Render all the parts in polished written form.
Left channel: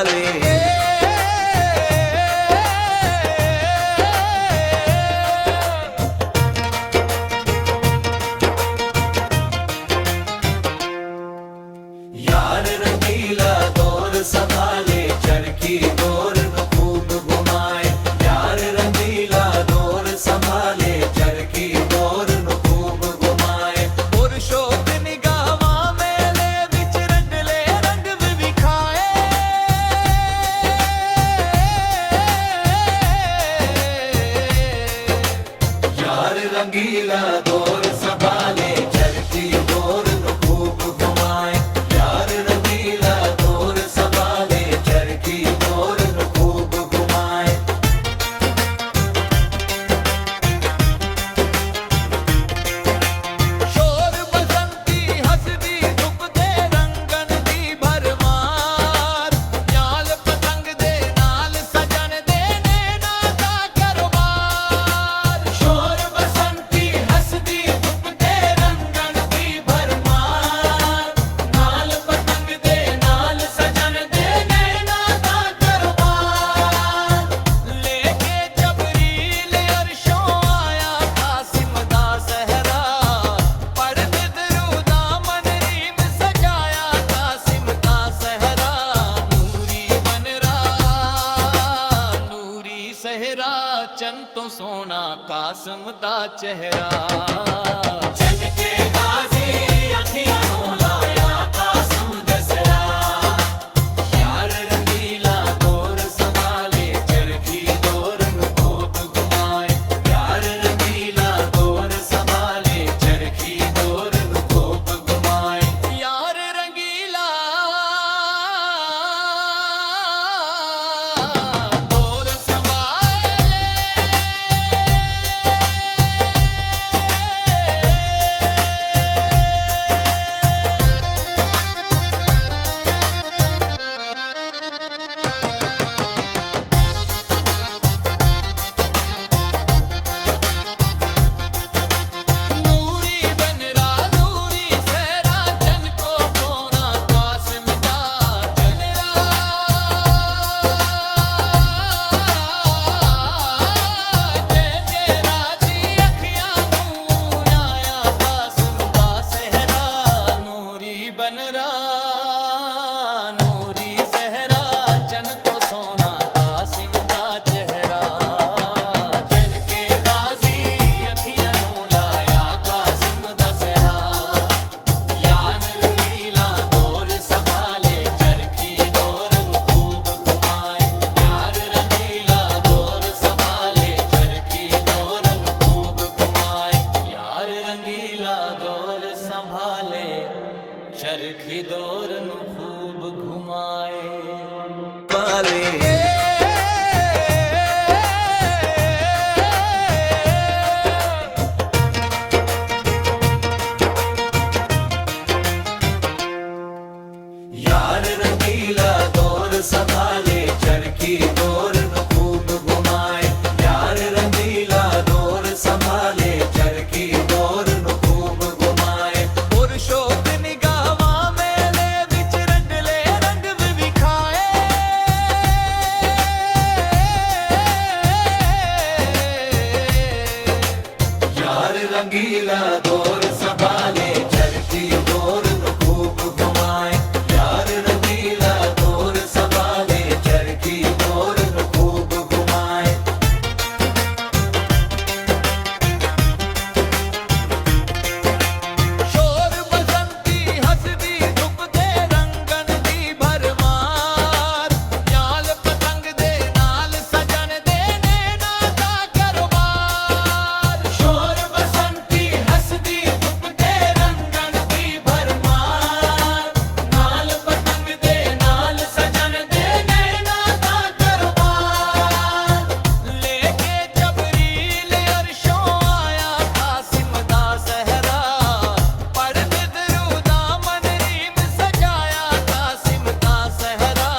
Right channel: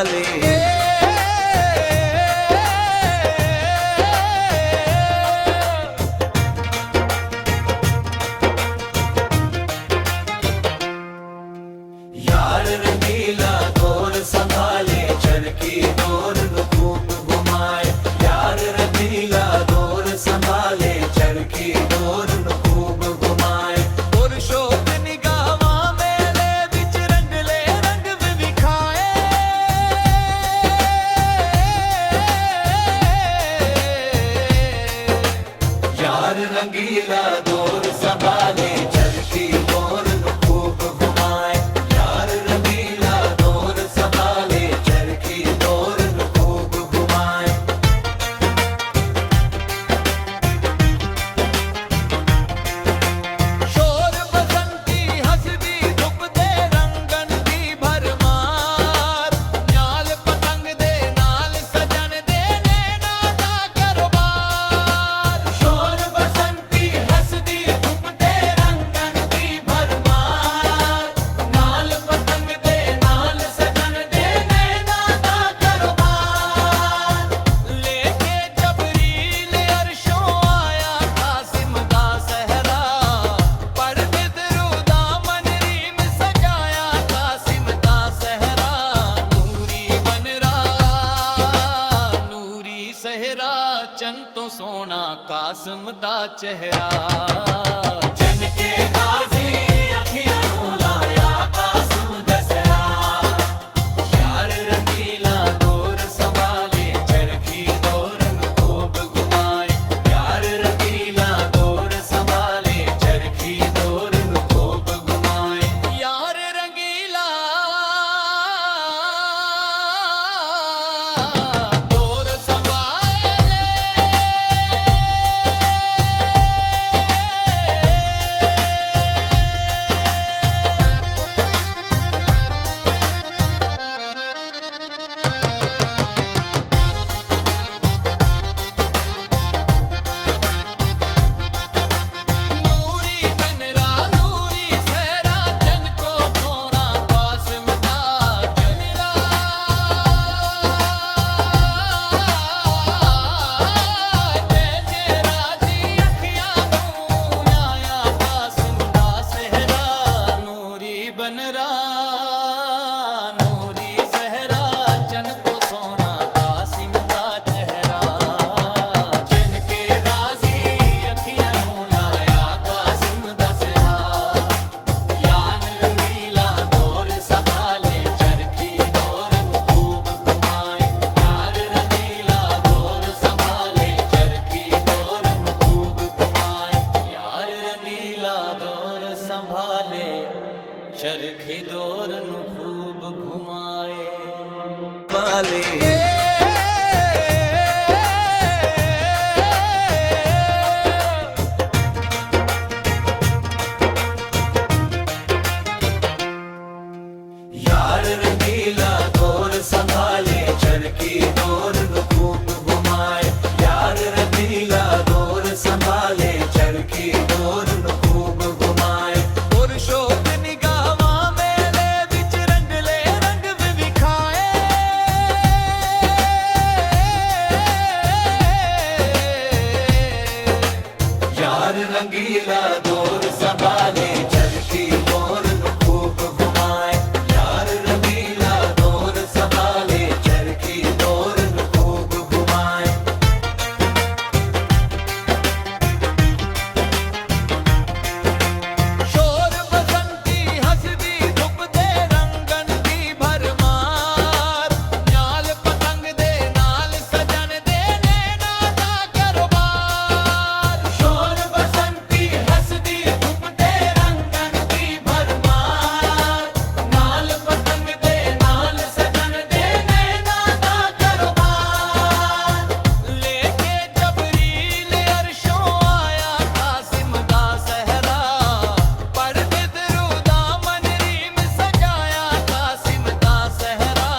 संभाले। यार रंगीला दौर संभाले, चरखी दौर नु खूब घुमाए। यार रंगीला दौर संभाले, चरखी दौर नु खूब घुमाए। पुरुषोत निगावा मेले विच रंगले रंग विखाए। यार रंगीला दौर संभाले, चरखी दौर नु खूब घुमाए। यार रंगीला दौर संभाले, चरखी दौर नु खूब घुमाए। शोर बसंती हसदी धुप दे रंगन दी भरमार। न्याल पतंग दे नाल सजन दे नैना दा कारोबार। शोर बसंती हसदी धुप दे रंगन दी भरमार। नाल पतंग दे नाल सजन दे नैना दा कारोबार। लेके जबरील अरशों आया कासिम दा सहरा। पढ़दे दरूदा मनरीम सजाया कासिम दा सहरा। नूरी बनरा नूरी सहरा, चन तो सोना कासिम दा चेहरा। चन के गाजी अखियां नू लाया कासिम दसरा। यार रंगीला दौर संभाले, चरखी दौर नु खूब घुमाए। यार रंगीला दौर संभाले, चरखी दौर नु खूब घुमाए। यार रंगीला दौर संभाले। नूरी बनरा नूरी सहरा, चन को सोना कासिम दा चेहरा। तेजे राजी अखियां नू न्याया कासिम दा सहरा। नूरी बनरा नूरी सहरा, चन को सोना कासिम दा चेहरा। जन के गाजी अखियां नू लाया कासिम दा सहरा। यार रंगीला दौर संभाले, चरखी दौर नु खूब घुमाए। यार रंगीला दौर संभाले, चरखी दौर नु खूब घुमाए। यार रंगीला दौर संभाले, चरखी दौर नु खूब घुमाए। यार रंगीला दौर संभाले, चरखी दौर नु खूब घुमाए। यार रंगीला दौर संभाले, चरखी दौर नु खूब घुमाए। पुरुषोत निगावा मेले विच रंगले रंग विखाए। यार रंगीला दौर संभाले, चरखी दौर नु खूब घुमाए। यार रंगीला दौर संभाले, चरखी दौर नु खूब घुमाए। शोर बसंती हसदी धुप दे रंगन दी भरमार। न्याल पतंग दे नाल सजन दे नैना दा कारोबार। शोर बसंती हसदी धुप दे रंगन दी भरमार। नाल पतंग दे नाल सजन दे नैना दा कारोबार। लेके जबरील अरशों आया कासिम दा सहरा। पढ़दे दरूदा मनरीम सजाया कासिम दा सहरा।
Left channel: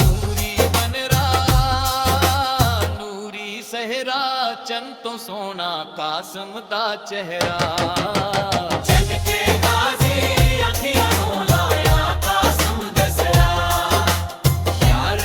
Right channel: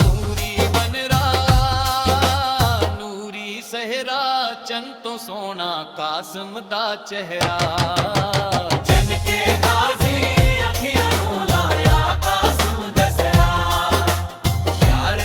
नूरी बनरा नूरी सहरा, चन तो सोना कासिम दा चेहरा। चन के गाजी